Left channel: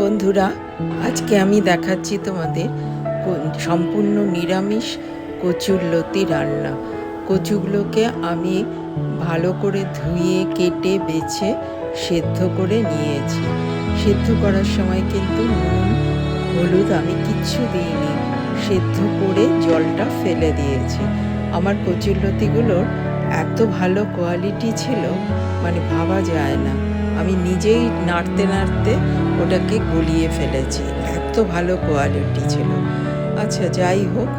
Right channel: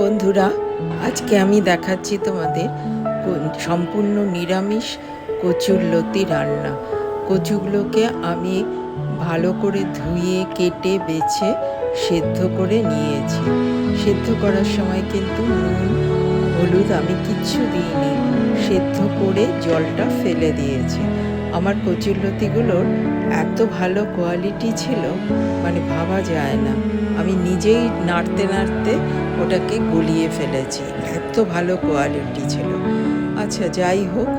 বন্ধুরা, আজকে আমি দেখাচ্ছি তোমাদের সম্পূর্ণ নিরামিষ কচুরলতি রান্না। কচুগুলোকে আমি ভালো করে ধুয়ে কেটে বেছে সেদ্ধ করে নিয়েছি। সেদ্ধ করার সময় কিন্তু নুন হলুদ আমি কিচ্ছু দিইনি, সেদ্ধ করে জলটা ফেলে দিয়েছি। আমার কচুরলতিগুলোর এত ভালো কোয়ালিটি ছিল, মানে ভাবা যায় না। আমি নিজেই নাড়তে নাড়তে ওটাকে গলিয়ে ফেলেছি, এত ভালো কোয়ালিটি ছিল। আচ্ছা, যাই হোক,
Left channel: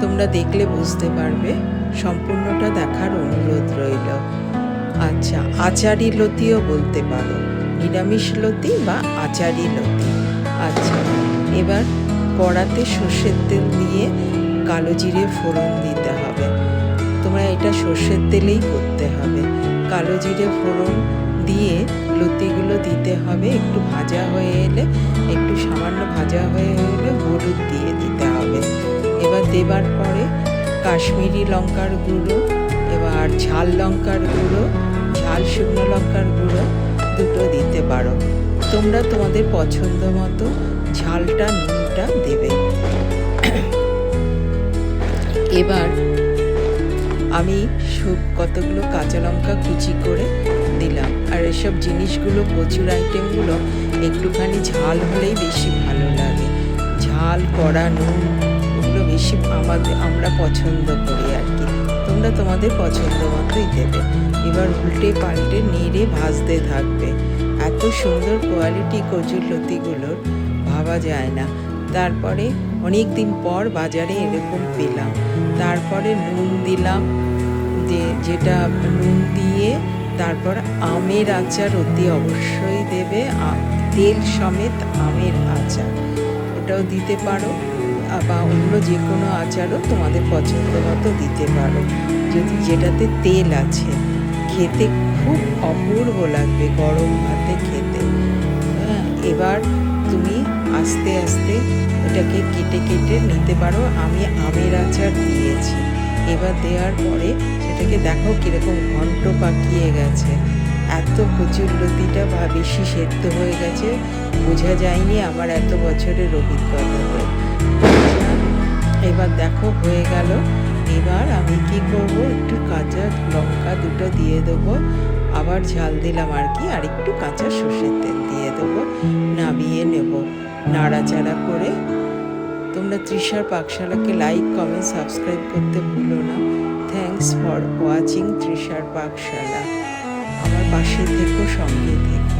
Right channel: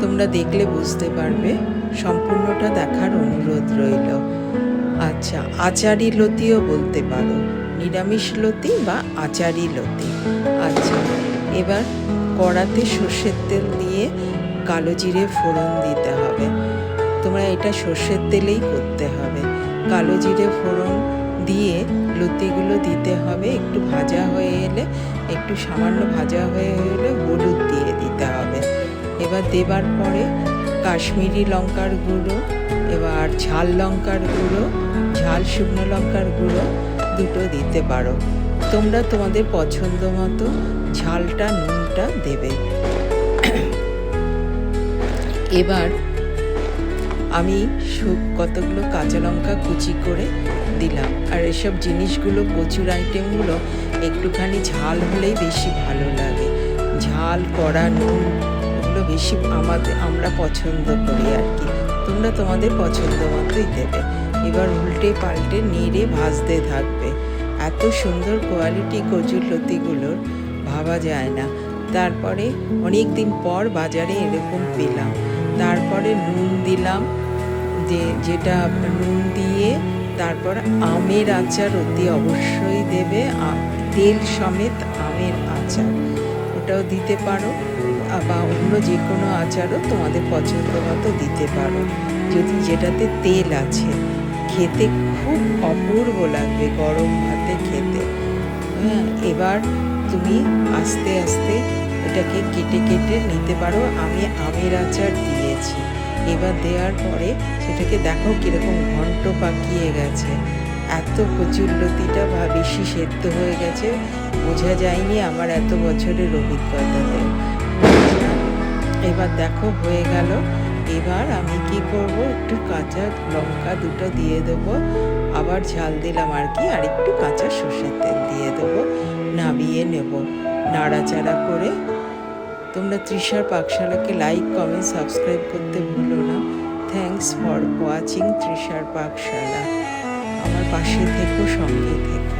তোমরা দেখলে বুঝতে পারবে, সম্পূর্ণটা দেখার অনুরোধ রইল। আচ্ছা, আচারি লতিও বলতে পারো, নিরামিষ লতি বা আচারি লতি। আচ্ছা, এবার কড়াতে সর্ষের তেল দিয়ে কালো জিরে ফোড়ন দিতে হবে। তোমরা এটা সর্ষের তেলেই করতে হবে। কালো জিরে ফোড়ন দিয়ে লতিগুলো দিতে হবে। একটু ভাজা হয়ে এলে, একটু সামান্য ভাজা হয়ে এলে হলুদ দিয়ে দিতে হবে। এবার দেবার পরে কাশ্মীরি লঙ্কার গুঁড়ো, এবার ঝাল লঙ্কার গুঁড়ো, ঝাল শুকনো লঙ্কার গুঁড়ো দুটো দিতে পারো। তোমরা তোমাদের পছন্দ মতো ঝালটা নুনটা দেবে। এবার আমি কতগুলো কাঁচা লঙ্কা কুচি করে দিলাম। আর এসব জিনিসগুলো, কচুর আইটেমগুলো একটুখানি ঝাল হলেই বেশি ভালো লাগে। ঝাল কড়া নুন ওগুলো বেশি আমরা পছন্দ করি আর কি। তোমরা তোমাদের পছন্দ মতোই দেবে। এবার উল্টে পাল্টে নেড়ে ভাজতে থাকবে। এত সুন্দর কোয়ালিটি কচুর লতিগুলোর, ভাবা যায় না। তারপরে অনেক দিন পর বাজারে এরকম পেলাম। তারপরে নুন দিলাম, যেটা নুন দিয়ে তারপর আমের আচার অতি অবশ্যই দেবে। তেল সমেত আমের আচার, ওটাও দিতে পারো, বা অন্য যে কোনো আচারও তোমাদের পছন্দ মতো দিতে পারো, যদি যেটাতে তেল আছে। খেতে খুব অপূর্ব লাগবে গরম ভাতে খেতে। হ্যাঁ, এবার তুমি আস্তে আস্তে এটাকে কেটে কেটে নিতে পারো। আমি আমের আচার দিয়েছি। এবার দেওয়ার পরে সেটাকে দেখো কীরকম ঘন্ট পাকিয়ে গেছে। এত কচুরলতিটা বেশি সেদ্ধ হয়ে গেছে, বোঝা যায়নি আমার এত বছরের অভিজ্ঞতাতে। এবার দেখো হয়ে গেল। এবার আমি কি করব, একটু কাঁচা লঙ্কা দুটো দিয়ে দেবো, আবার ঝাল দিলাম আর কি, আর একটু কাঁচা সর্ষের তেল দিয়ে দেবো, নাবিয়ে নেব নাড়াচাড়া করে। তোমরা তৃষার পাকশালাকে লাইক কমেন্ট সাবস্ক্রাইব করতে ভুলো না। Thanks for watching Trishar Pakshala. আমার পাশে থেকো, সঙ্গে থেকো।